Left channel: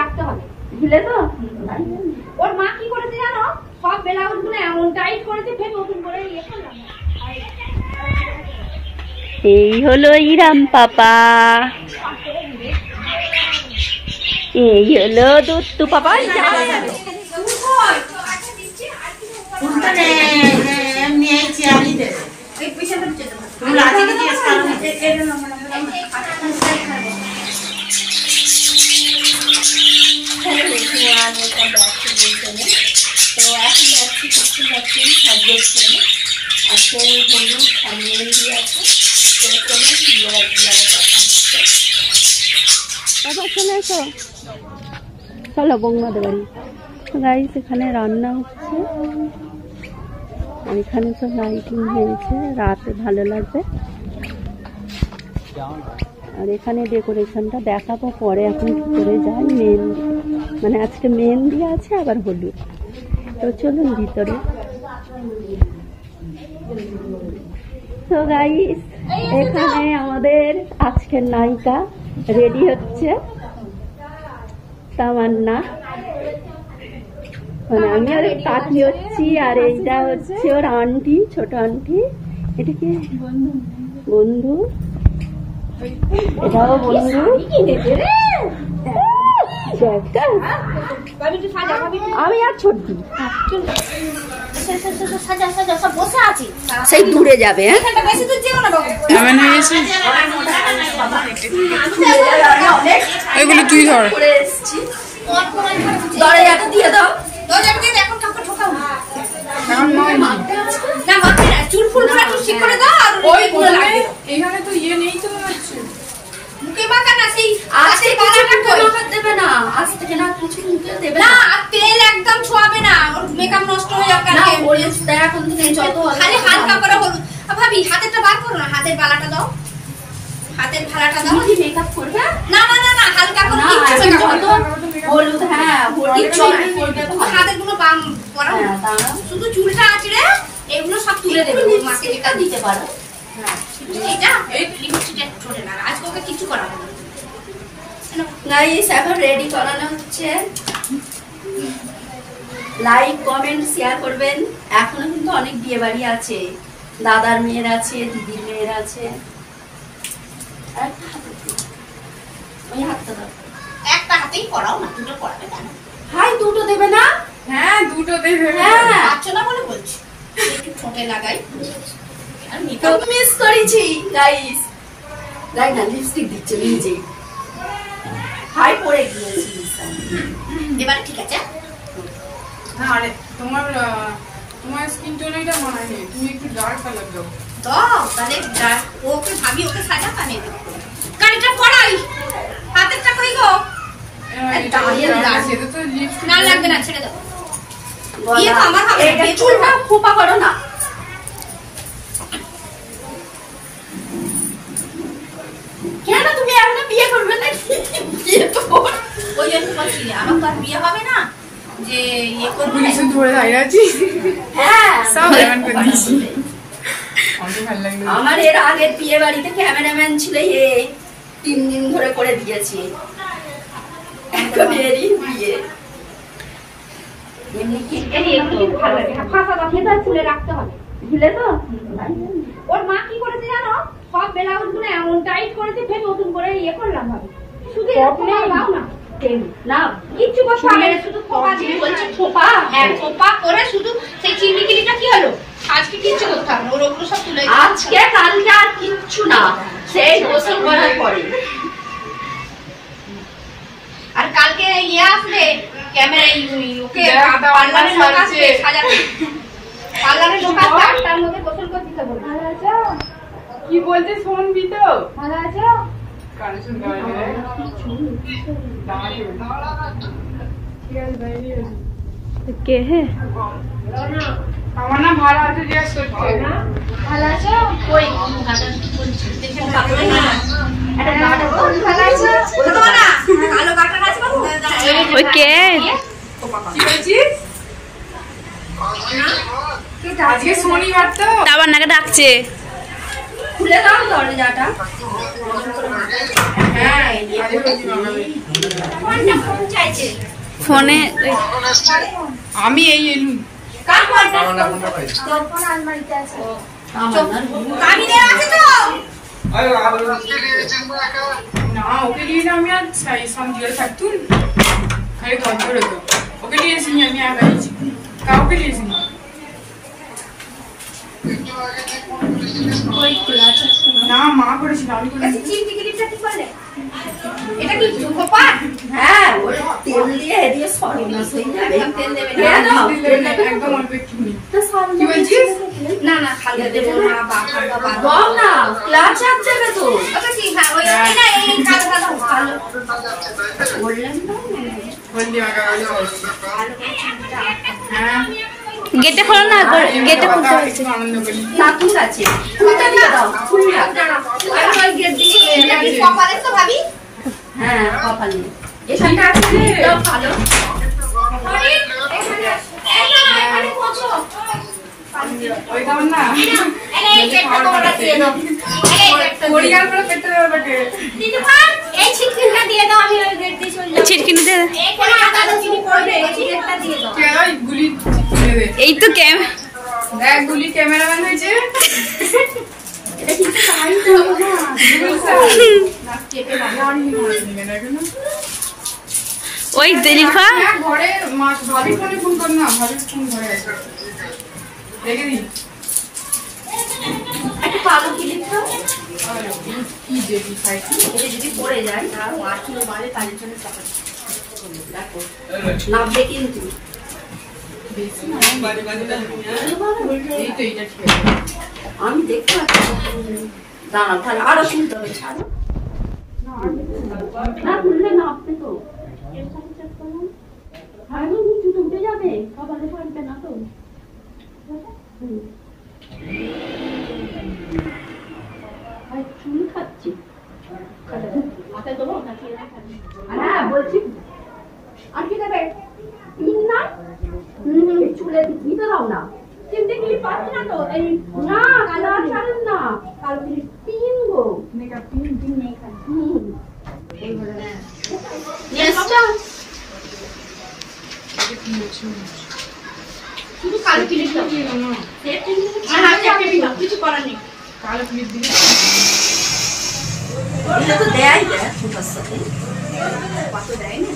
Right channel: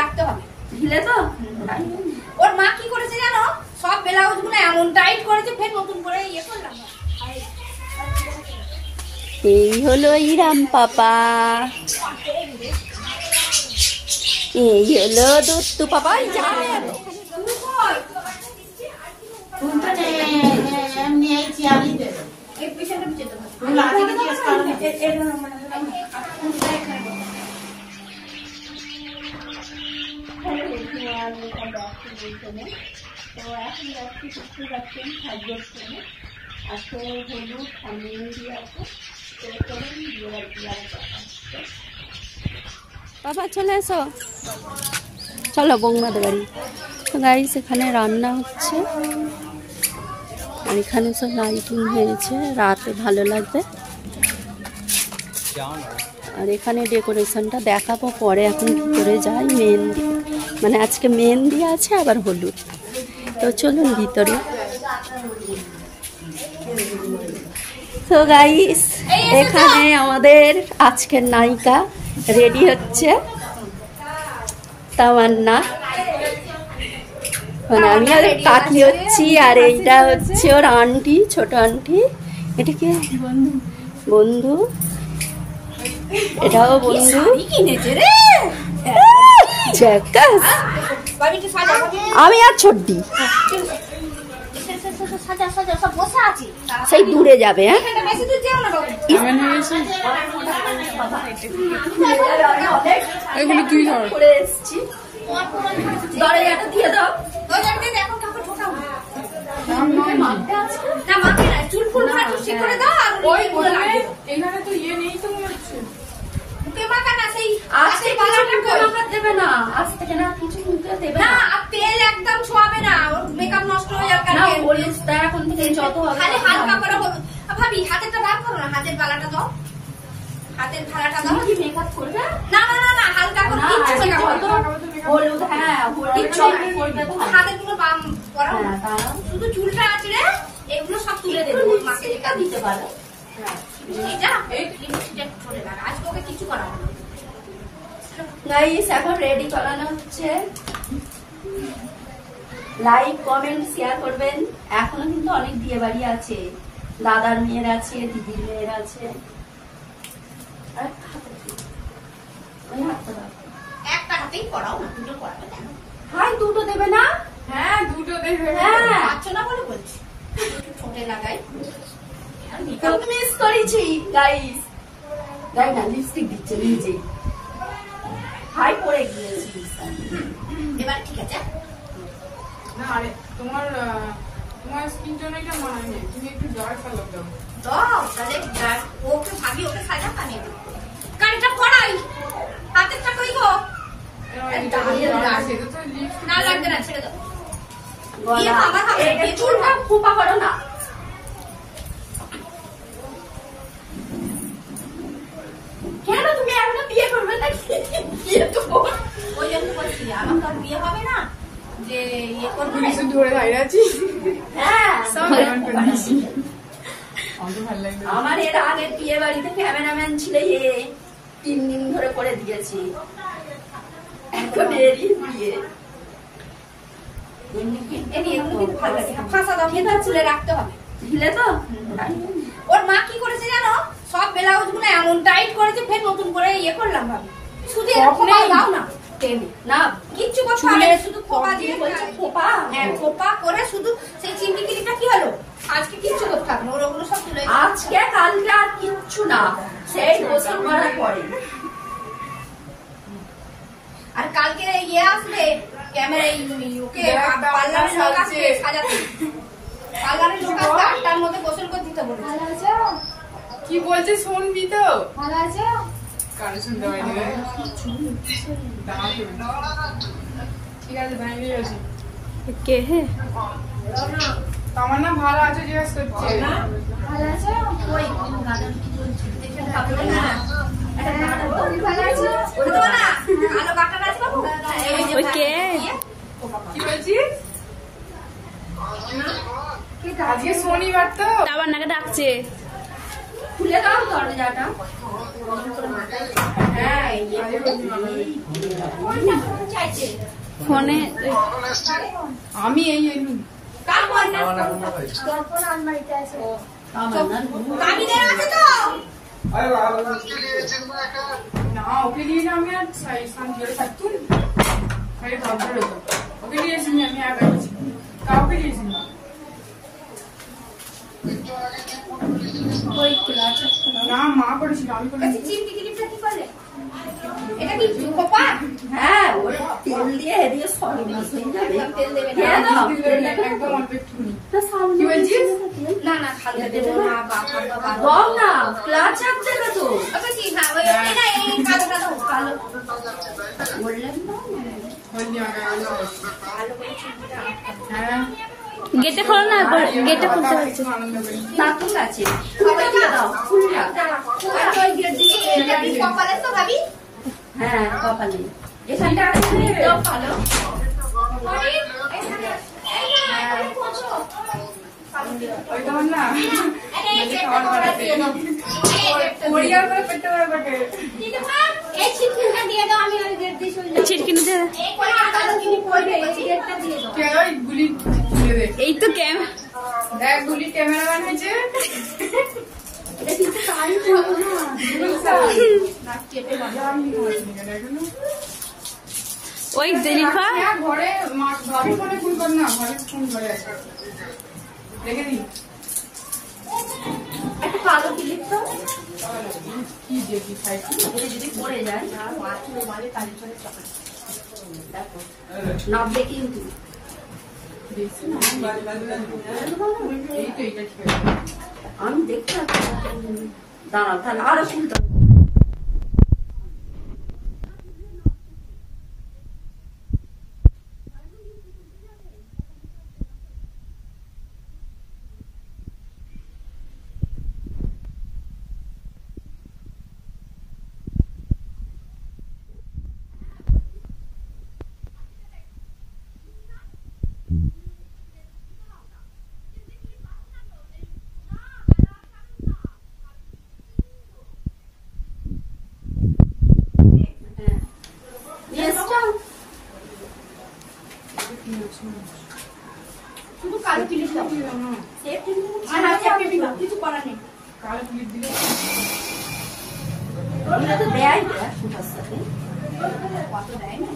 রাখতে হবে ঢিলে তো। ওর মা কি করেছে জানো, সব ব্লাউজ গুলো এমন টাইট করেছে, ফের নতুন করে ইয়ে করলাম। এই হলো ইরাম পাপা, এই হলো দত্তু পাপা। চলো বৌমাদের বাড়ি। তো গাইস এখানে রান্না হচ্ছে, আর এখানে সব লাইটিং হয়েছে, রাতে ভালো লাগবে। আর এখানে ডেকোরেশনটা দেখাবো পরে, এখন ভিতরে যাই। মেহেন্দি মানে আজকে মেহেন্দি আছে, আবার হলুদ। তো চলুন ভিতরে। তো গাইস এখানে আমাদের আজকের নায়িকা রেডি হচ্ছে, তামান্না। মানে আমি আর কাকি হচ্ছি, আর এইটা হচ্ছে ওর আন্টি, ছোট আন্টি। এটা কি বন্ধু, এটাও বন্ধু। আমি আর ছোট্টি সেই দূরে যাবে। তুই ধর দরজাটা দিয়ে দাও, চুল ফুল ঠিক করে দাও। এখানে তো ইয়ে নেই তো মনে হচ্ছে, মুখে মাখা না, সেই আজকে বালাটা মাখা দেবে না, আজ থেকে না কিছু মুখে দেবে না, আর তেল একদম ছোঁয়াবে না, ওর মেকআপ নষ্ট হয়ে যাবে। না হলুদ দেয় এখন থেকে, যত খালি হালকা করে হলুদ। ভাবি হাতেরটা বার করো না, হাতের বালাটা দাও, হাতের ভালাটা দাও। কি মেকআপ করবে? না না না না, হালকা করে হলুদ। হ্যাঁ হলুদ করবে, হাতের গুলো বাম পরা, শুধু চুলটা আছে রে, এগুলো সব তুলে দেবে। মাকে যেটা দিতে পারো, এটা এই লিপস্টিকটা ছোট না, আজকে ওকে কিছু করাবো না। গাইস এখন রেডি করানো হচ্ছে, লাইক কমেন্ট শেয়ার করবেন। এখনো কিন্তু অনেক বিয়ে বাড়ি আছে, দাদার মেয়ের আছে, দিদির মেয়ের আছে। একটা হাতেই করাও না, দুটো করাবে কেন? হাই দুটো দেবে না? হ্যাঁ দুটো দেবে। হ্যাঁ পাচ্ছ না বলে বলছি, একটু ঠোঁটে লাগাই। আর মেকআপ মিস করেছি গাইস, লাইক না লিপস্টিক দিচ্ছে নিজে, হাই পড়ে গিয়েছি। এবার ঠিক আছে। না আরে তোমার স্কিন টোন এটা মানায় না, তুমি একটু ডার্ক কালার দাও। দাও তাহলে ওকে ভাবি, ওকে সাজা কানে দেবো, কানেটা পড়াই, হাতেরটা কই গো? না লাগবে না, ছেড়ে দাও। বিয়ে তো আমার হবে, এটা চুলটা খোপা করো না। কেন তুমি এখনো বিয়ে করবে না? বিয়ে তো ওই জন্য বলছি আমার তো আর বিয়ে হবে না, যে ইয়ে করবো। পুলিশ ধরে দাঁড়িয়ে আছি। হ্যাঁ সব এমন করে দিছি। আমার এর আগের বিয়ে বাড়িতে ক্যামেরাম্যান ছিল, এ 3 দিন ধরে করে দিয়েছি। এখন এরই বিয়ে। রাখতে হবে ঢিলে তো। ওর মা কি করেছে জানো, সব ব্লাউজ গুলো এমন টাইট করেছে, ফের নতুন করে ইয়ে করলাম। ভাবি শুধু দাও না, না কিচ্ছু করতে হবে না, শুধু খোপা দিয়ে বলছে খোপা। হ্যাঁ খোপা করে শুধু সেই চিমনিকিটা কি হলো, আজকে কিচ্ছু করতে হবে না, ওগুলো সব তুলে আজকে কালকে আর কিচ্ছু না, সেই গোসল করার পরে। আর কালকে ইয়ে আসবে ক্যামেরা, ওকে পার্লারের লোক আসবে সাজাতে, পার্লারের লোক আসবে 8টার মধ্যে গোসল করতে দিতে বলেছে। ভালো আছো? কি বলছে শুনবি তো? ভালো আছো? কান শুনতে হয় না, ঠিক আছে ভাই আছে। কে হে তামান্না ভালো আছে জিজ্ঞেস করছে। ভালো আছো? ওই গাটা কি বলছে দেখে পাগল না, এটা গাটা বল। ভালো আছো? ওই তো না কালো গাটা আছে বাবু, ওই কে? কি বলছিস? আজকে শনিবার তো, আবার নাকে ডাকছে। খুলে দাও দরজাটা। হ্যাঁ ফোনে আমি এই এলু না ওকে নিয়ে আমি আর শান্তিতে থাকতুম খালি কন্ট্রোল হতো ওকে নিয়েছি আমি আর আইছি কাউকে নিয়েছি না না মা করেছিল আমি করেছি এটা কি গোপাল হ্যাঁ ওই তেল দিয়ে এদিকে সর্বনাশ হয়ে যাবে তেল দেবে না একদম অল্প একটু কি বলছিস না না হালকা দেবো না বা দাও না ক্লাচ আছে তো ওটা ঠিক না ওই না এই কালো কালো কালো বললেন না বললি আগা হ্যাঁ গেটে খোলো না গেটে খুলতে হবে একটু আনন্দ করি না ঠিক আছে খুলতে দাও খুললা আমি ওই গেট দিয়ে এটা কি কপালে তো ভাবি হ্যাঁ কপালে এখানটা আছে দাও ভালো আরে এখানে এখানে পৌঁছো ওই দাও না আরে এই গেটটা তোমরা দিয়ে দাও এই গেটটা পরিবার করে পেটে দেবে বটে দিদি ভাই এই ছিটকিনটা দিয়ে দাও আমি ওই গেট দিয়ে চলে যাব ছিটকিনি দে এখানে আদা চিনি পড়বে এই গেটটা দিয়ে দাও কে ওই গুলি দিয়ে দে এই তো ক্যাম দেখ গুলি ক্যামেরাম্যান হয়েছে এটা কিন্তু তাই করব না না কেটে না জানি না কেন ওই দিলিফা হ্যাঁ ঘরে মা ভাবি ফোনে ফোন কর না ভাবি ফোন ধরে আছে রেখে দিই একটা পালো ক্লিপ দাও কি দেবি সাইড এটা যদি পড়ে যায় আর 8 কিলো বাড়ে তার জন্য টাকা দেখো নামবে কিন্তু বেশি না এই তো এইটা ঠিক আছে আমি দেখতে পাচ্ছি দাঁড়াও তাহলে আরো শুনতে হবে ছাড়ো না খুললে নামবে তো এরকম চেক করুন ভালো নিচু উঠে যাবে কপালে পড়বে না তো আর চুল খাচ্ছি মাথায় দেবো নাকি হ্যাঁ বলছি আর কি দেবে না চুলে দিতে দাও না চিনতে গেলে পাচ্ছি না তো এই না কালার ছাড়েন না কালো গেলে পিন গো মেকআপ পিন পিন নেই খালি শুধু কালো ক্লিপ দাও কিছু করার নেই কালো ক্লিপ দিলে এটা তো দেয় ফুটার সাথে কত দেয় না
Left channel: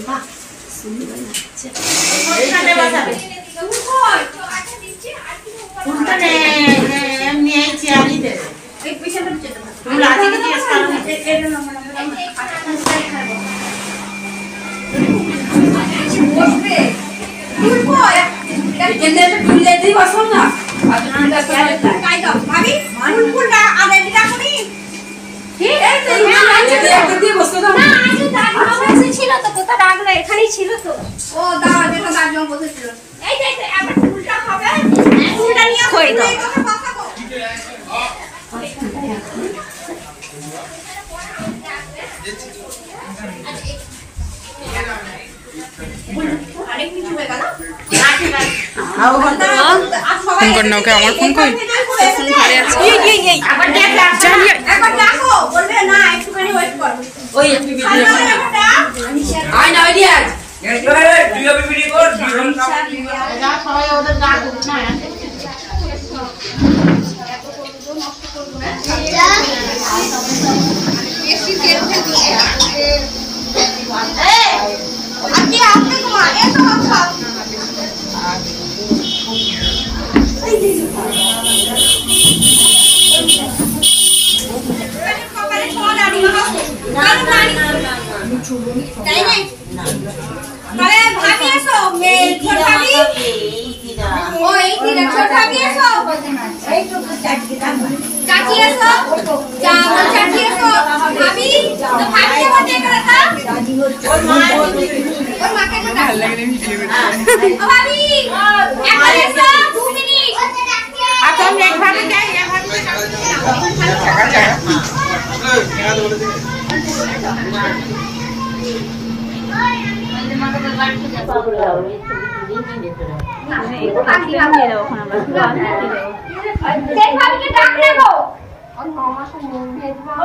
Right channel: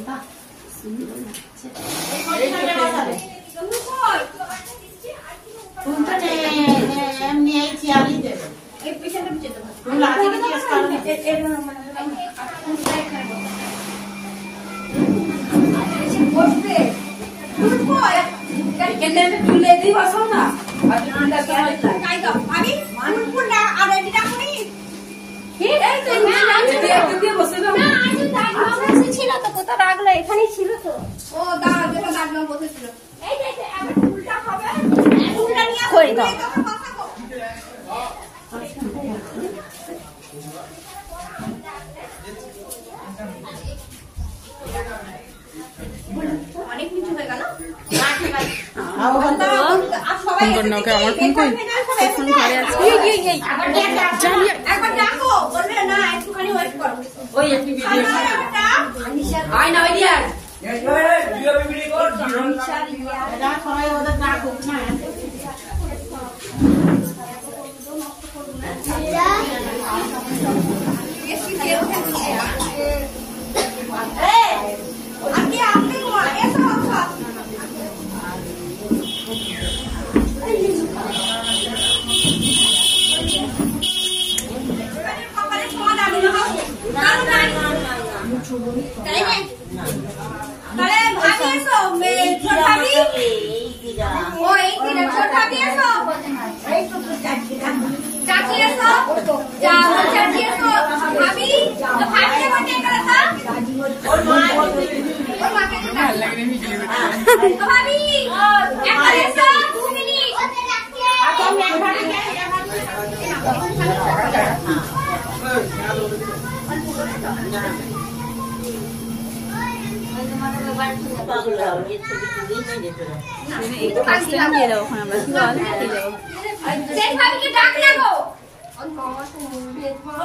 বাহ সুন্দর লাগছে এই পেছনটা যেতে পারো বসবে তুলবো এখানে তুলে দিই বসো না আর ঠান্ডা করে কাই দাও ভাবি ফুলটা আর এটা রাখনি ঠিক এই তো একটা দিয়ে বসো দাও না আজকে দাঁড়িয়ে ছিল তো কোথা রাখলে এখানেই ছিল তো ও দাঁড়া যেটা দাঁড়িয়ে বসেছিল এই যে আবার ফুলটা হবে ফুলটা নিয়ে কই দাও অনেক কিছু হয়ে গেল ফোন কর না ওকে আমার ফোন কই ঘরে আছে একবার ডাকো বলবে না একটুখানি ওয়েট কর ওই একটু ভিডিও আয় না আইডিয়া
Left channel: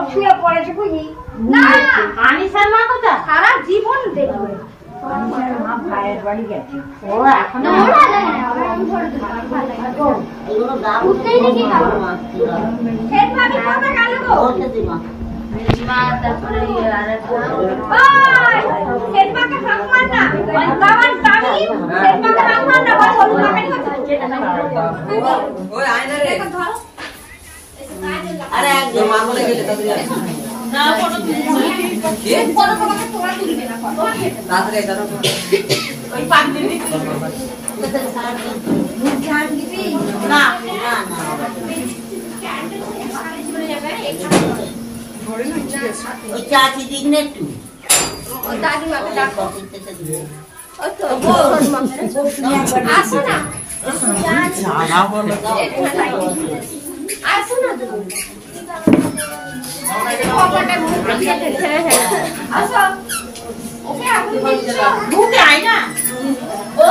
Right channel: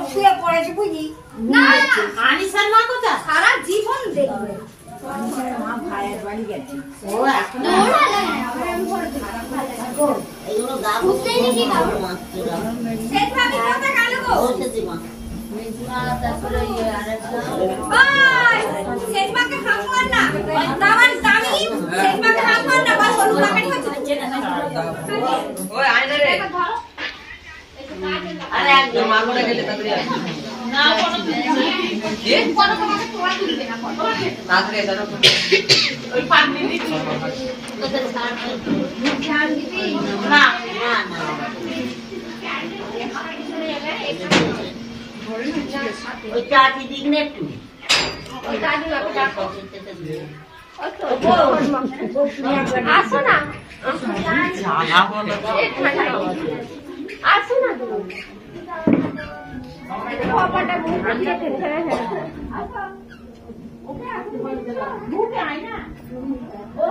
শুয়ে পড়েছে বুঝি না আনিসার মা কথা সারা জীবন দেখবে মা ভাইয়ের বাড়ি গেছে ও এখন এগুলো দাও বুঝতেই নাকি দাও শেষ ভাবি কথা গেল গো বলতেছি মা মা তারপরে আরে বাই শেষ মাকে হাত মার না দাওয়ান দাবি শেষ মাকে হাত মার না বল বল মাকে হচ্ছে ওই আইনে রে আরে একদম মা বলে গেলে তাড়াতাড়ি না কোনো কি কোনো তোমাকে তোমার দিবে না কোন তাড়াতাড়ি দাও ওই পান দিবি জান দিবি না না না ওই চাচি দিক না একটু ও দাদি মাকে ডাকো ও তো আসো না না বলো আসো না তো আসো ওকে আপনি ঢুকে আয় না ও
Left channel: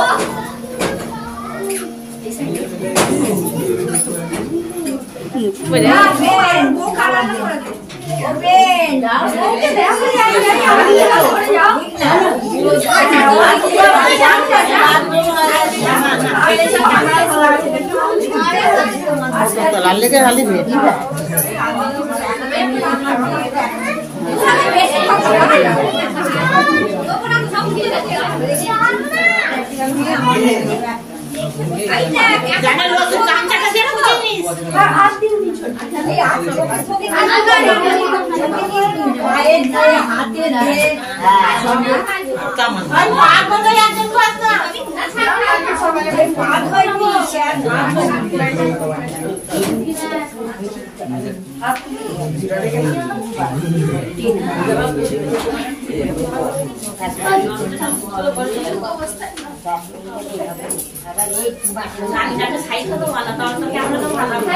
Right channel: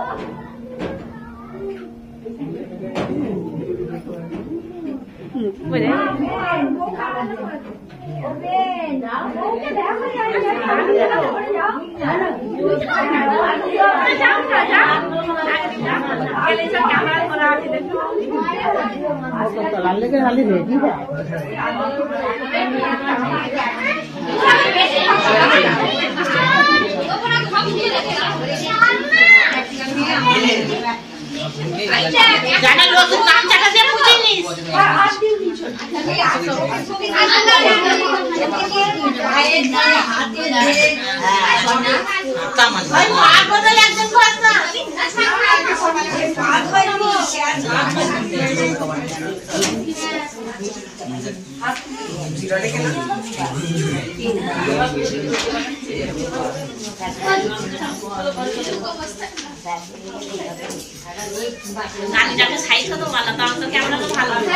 গাড়িটাকে সাইড তো ভালো তাহলে তো ক্যামেরাটা ভালো হবে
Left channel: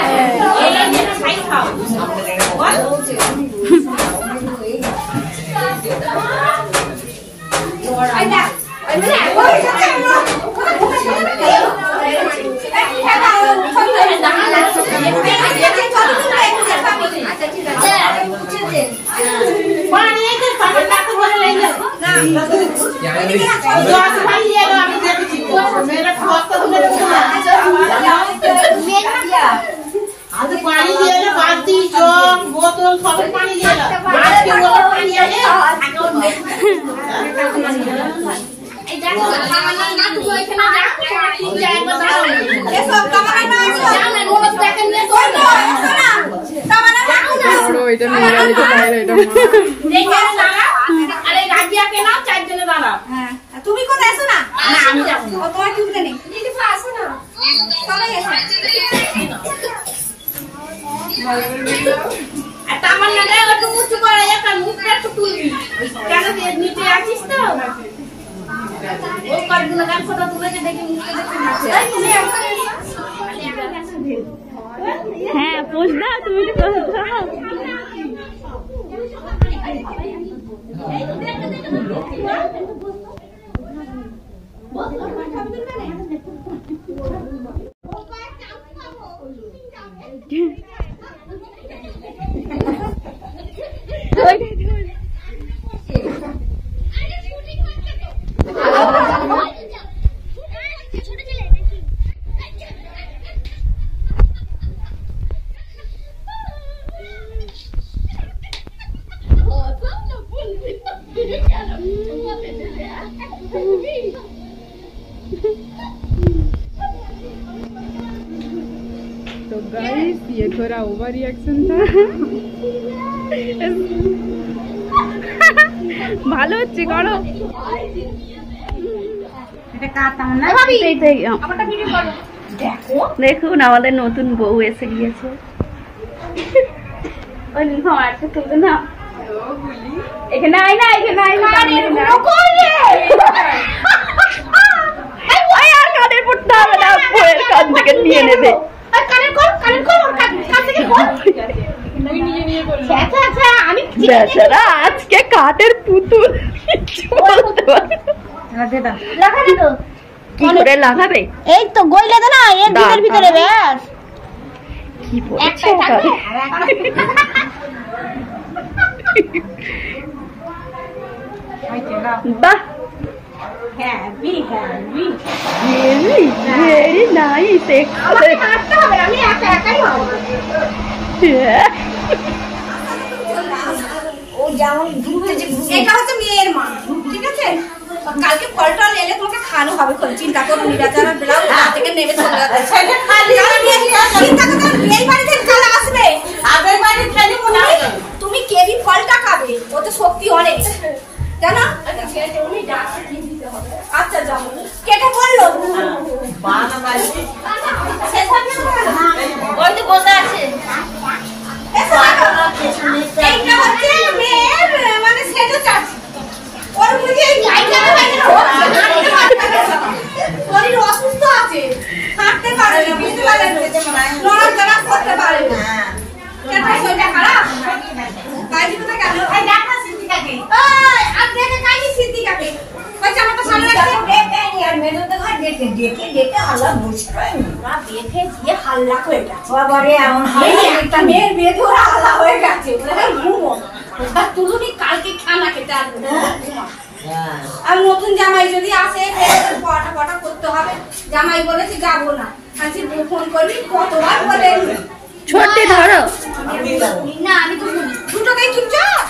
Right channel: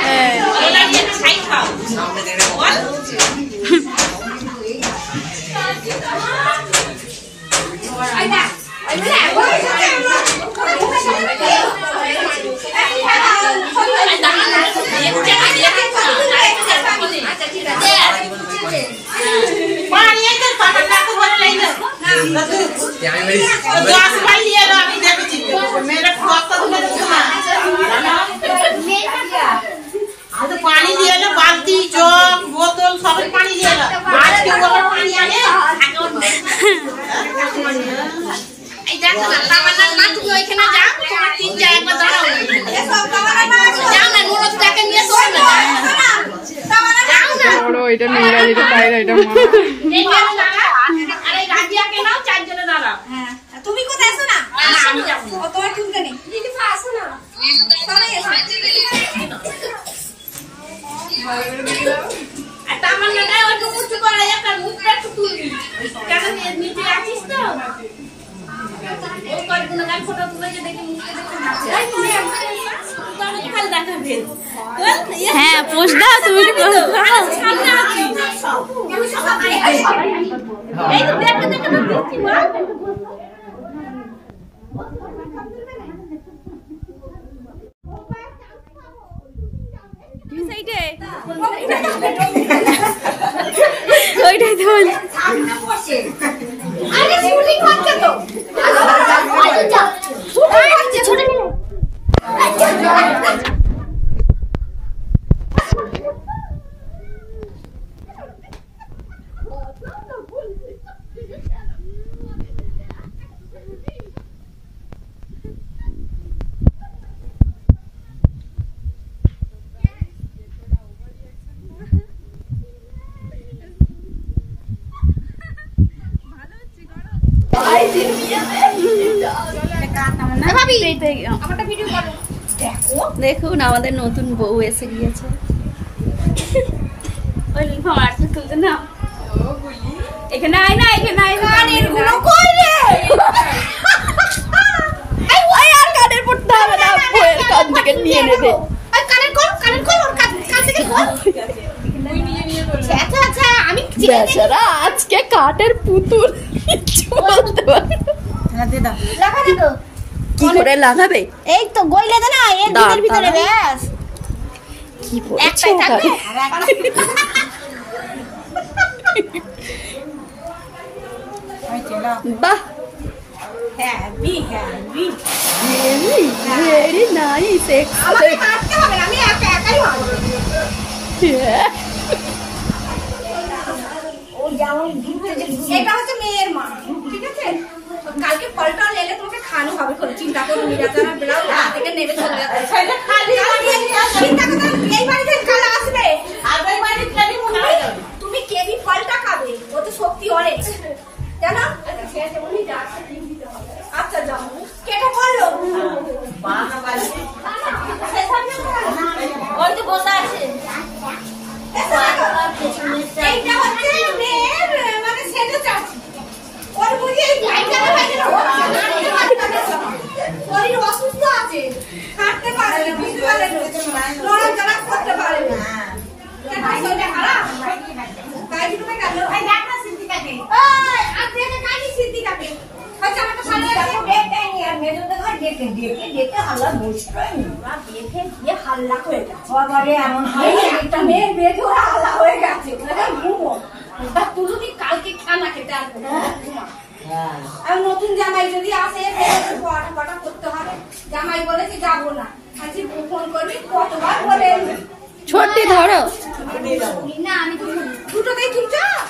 এই লাইনটা সাইড খাও বল আইনা আইনা पानी दिए लो बाल्टी जग बोतल सब पानी दिए लो आज के बोतल पानी आने এই দেখো না তামান্না না তুমি ওইখানে যাও তোমার তিন জায়গা দাঁড়াও এ সব তামান্না না যাও না নুরস টাকা নিয়ে চল না তামান্না যাও না বড় এটা নোংরা দিতে বাইরে এটা মা এইখানে দাঁড়াও আরে রাজিয়াকে নাও চারজনে দাঁড়াও হ্যাঁ তুমি কোথায় আছো না না আমি যাব না ও তোমার কি উঠে নেই দিদি আসো না সবাই আসো আর তামান্না না একটু উঁচু করে একটা মুখটা একটু তুলবি কেন নিচে আছিস তো ও কতগুলো গান ফটো তুলেছে দেখে মুখটা দেখে হ্যাঁ পোস্ট দাও তুমি সামনে আছি এই তো দেখতে দেখতে দেখছি ওইটাই তো আরে শুটিং হচ্ছে তো আচ্ছা শুটিং হচ্ছে ছোট মিলে तो गाइस ये थोड़ा ओवर रिएक्शन था ভালো হচ্ছে করো দেখুন আমাদের নতুন বউ এসে গিয়েছে ওই লিফা মারতে তুলতে না এখানে আয় না এখানে আয় না কই রে এই ওই আর কানের পড়তে হবে না বইয়ের কান থেকে নিয়ে নেবে আর কানের কল ওর কান থেকে কল ওই নিয়ে নিয়ে করো আচ্ছা আচ্ছা আমি বেচারা আজকে কাঠের পুতুল বলতে পারে লাগা না তো কি করে লাগাবে? এই তো গইলে দে না এর ভিতরে ব্যাস কি একটাই থাকবে। বাহ, হ্যাপি হ্যাপি ভেরি নাইস। আমাকে কাটতে হবে আমি একা একাই হবে। ও যেমন ঘুরে যে এটা হচ্ছে মেয়ের মা, ঠিক আছে? কালকে ফলটা এলে তোমাকে খাওয়ানো হবে, কোনো চিন্তা করো না। যারা বেলা থেকে নেমে চলে যাবে সেটা খালি চিন্তা করো না। এই বাড়িতে কাল আসবে, আগের বাড়ি খালি মনে হয় তুমি কেবি ফলটা খাবে, ওতে শক্তি অনেক জানো। আচ্ছা যাও কেটে বললো ওই তো বসে আছে। এইটা হচ্ছে মেয়ের মানে সেটা চাচ্ছি ওর বুঝি শরীর অসুস্থ আছে, হাঁটতে পারে না, বুঝতে পারে না, নড়াচড়া করতে পারে না। শরীরটা খারাপ তাই জন্য দেখা সিদ্দিকাকে আপনি কাকি সিদ্দিকাকে আচ্ছা আমারটা সামনে রাখতে দেখে নি আর মেজতে ঘর দেখে দেখে দেখে হাল্লা মুশকিল ওরা দেখে দিয়ে হাল্লা হয়ে গেছে বাবারে। এমন হয় একটা মেয়ের বিয়ে দিয়ে ওরা হাল্লা হয়ে গেছে, ওরা ঘুমো আর তুলুনি কালকে খানা খেতে আসবে আর নতুন জামাই যদি আসে পটা পটা করতে হবে। জামাই বলেছি যাবো না, আজকে ফোন করবি কতবার বলে ছোটে ধরো না আমি তো দুটোতেই চুপচাপ।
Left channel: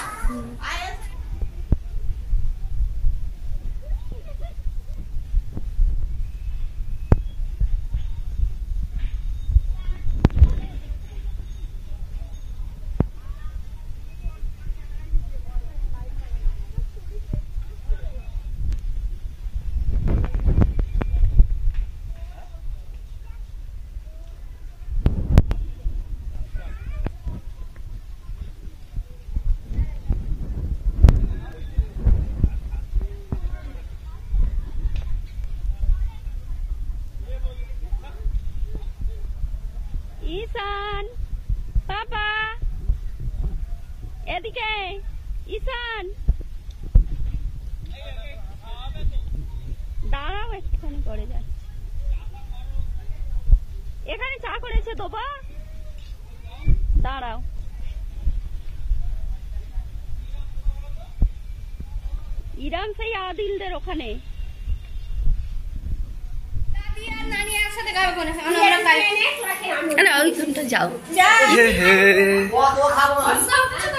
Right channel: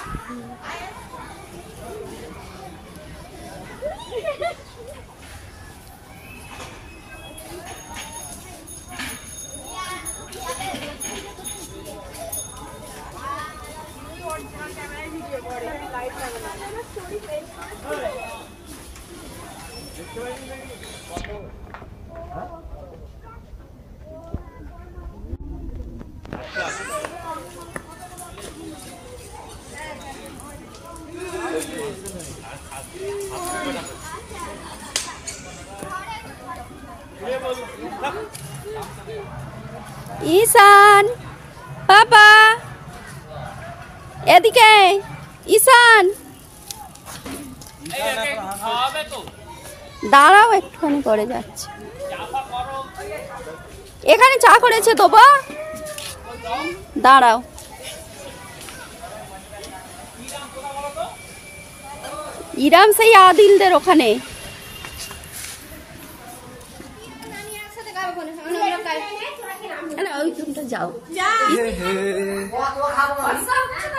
ঈশান, পাপা এদিকে। ঈশান দাঁড়াও, একটুখানি করে যাচ্ছে। এখানে চা করেছে তো বা, দাঁড়াও। ইরাম সেই আদিলদের ওখানে। ওইখানটা যাও।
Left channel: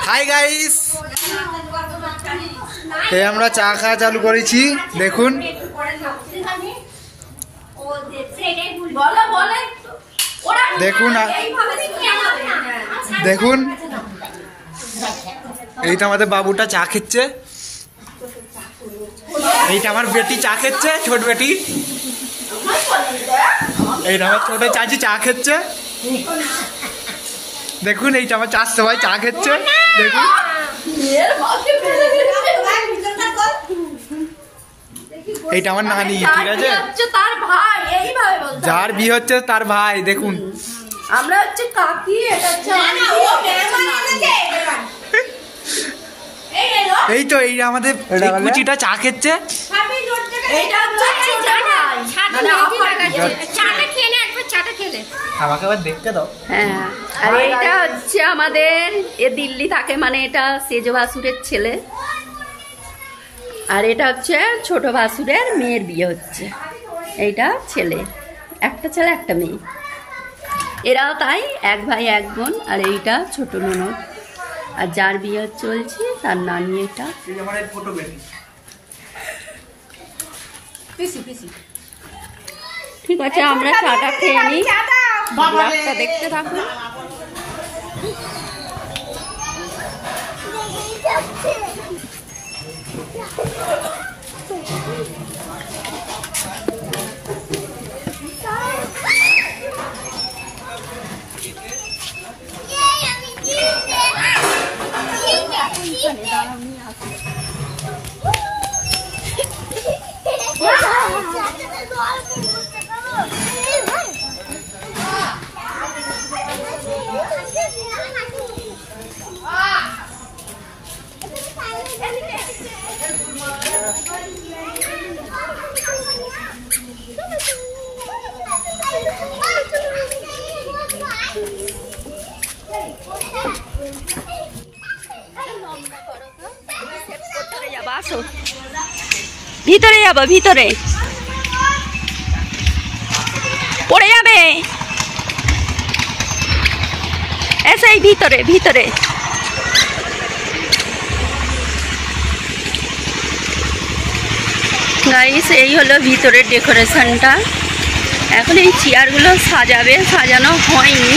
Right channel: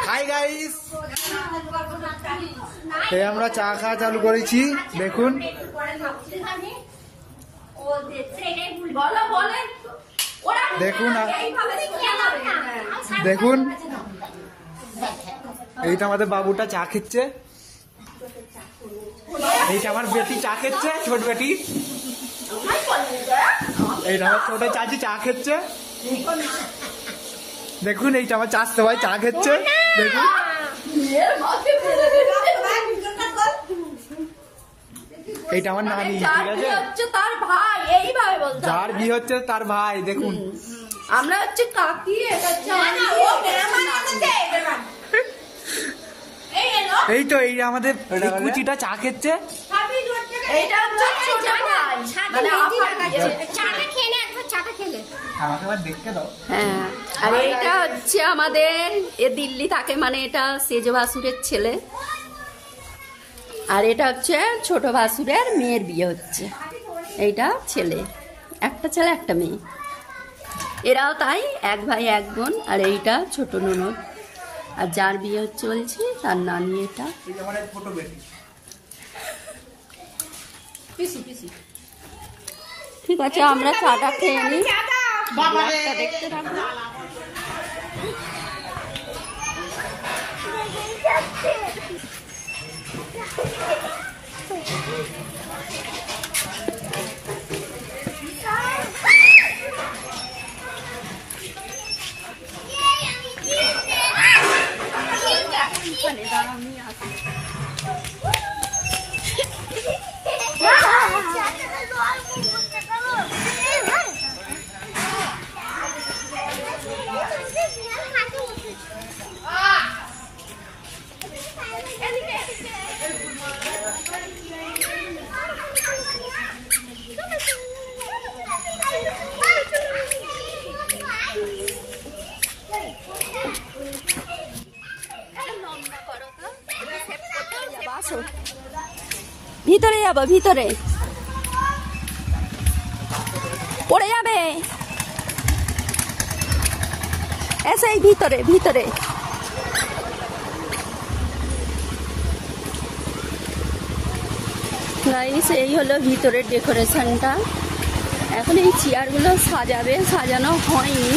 হাই গাইস, আমরা চা খাওয়া চালু করেছি। দেখুন দেখুন দেখুন এইটা আমাদের বাবুটা চা খেচ্ছে, এইটা আমার বেটি চা খেচ্ছে, ছোট বেটি। এইটা আমার ছোট চাচি চা খেচ্ছে। দেখুন এইটা আমার চার সবাই চা খেচ্ছে। দেখুন এইটা আমার নানি, ঠিক আছে? তার ভাই, এইভাবে বলতে যার বিয়ে হচ্ছে তার ভাই। দেখুন আমরা হচ্ছে কাকি, এটা হচ্ছে এই তো এই আমাদের কুচিটা চা খেচ্ছে। আমাকে আবার দেখতে দাও। হ্যাঁ, আর এটা হচ্ছে আমাদের এ দিল্লি থাকে, মানে এটা সেজ ভাসুরের ছেলে। আর এটা হচ্ছে ছোট ভাসুরের মেয়ের বিয়ে হচ্ছে। এইটা ছেলে, একটা ছেলে একটা মেয়ে। এরাও তাই, এক ভাই এক বোন। আর এইটা ছোট ননদ, আর যার বিয়ে চলছে তার নানি। এটা ঠিক আছে, আমরা চাটা খেয়ে নিই, দেখতে থাকুন। ভিতরে যাবো, ভিতরে পড়ে যাবে। এসে ভিতরে ভিতরে। গাইস এই হলো ভিতরের ডেকোরেশনটা। এখন এই চেয়ারগুলো সাজাবে, সাজানো হয়নি।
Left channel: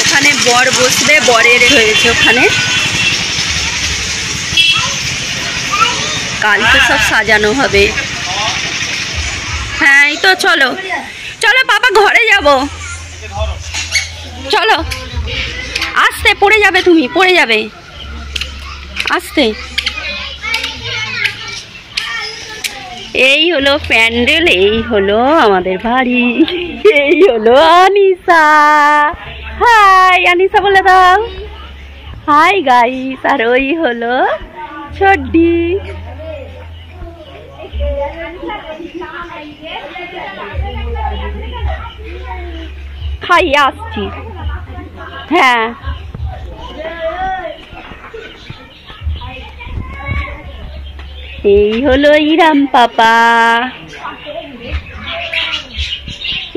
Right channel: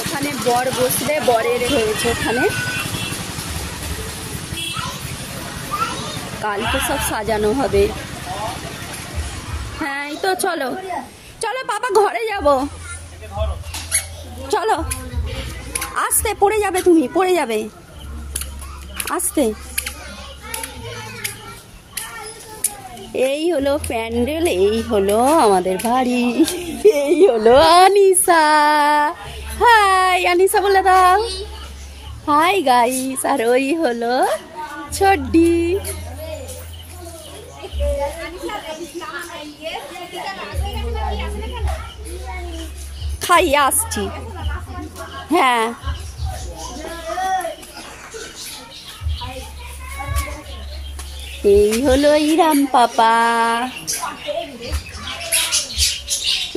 ওখানে বর বসবে, বরের হয়েছে ওখানে। কালকে সব সাজানো হবে। হ্যাঁ এই তো, চলো চলো বাবা ঘরে যাব, চলো। আস্তে, পড়ে যাবে তুমি, পড়ে যাবে, আস্তে। এই হলো প্যান্ডেল, এই হলো আমাদের বাড়ি, এই হলো আনিসা। হাই আনিসা বলে দাও হাই গাইস। আর ওই হলো ছড্ডি। খাইয়ে আসছি। হ্যাঁ এই হলো ইরাম পাপা,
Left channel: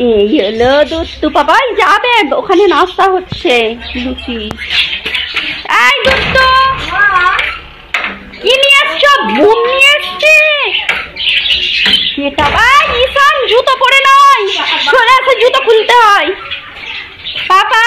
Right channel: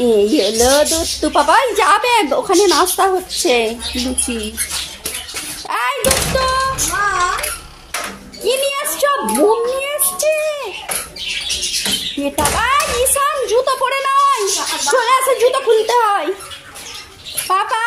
এই হলো দত্তু পাপা। যাবে ওখানে নাস্তা হচ্ছে, লুচি। এই দত্তু কি নিয়ে আসছো? বুম নিয়ে আসছে এটা। ভাই ঈশান জুতো পরে নয়, চলে আসে, জুতো খুলতে হয়। পাপা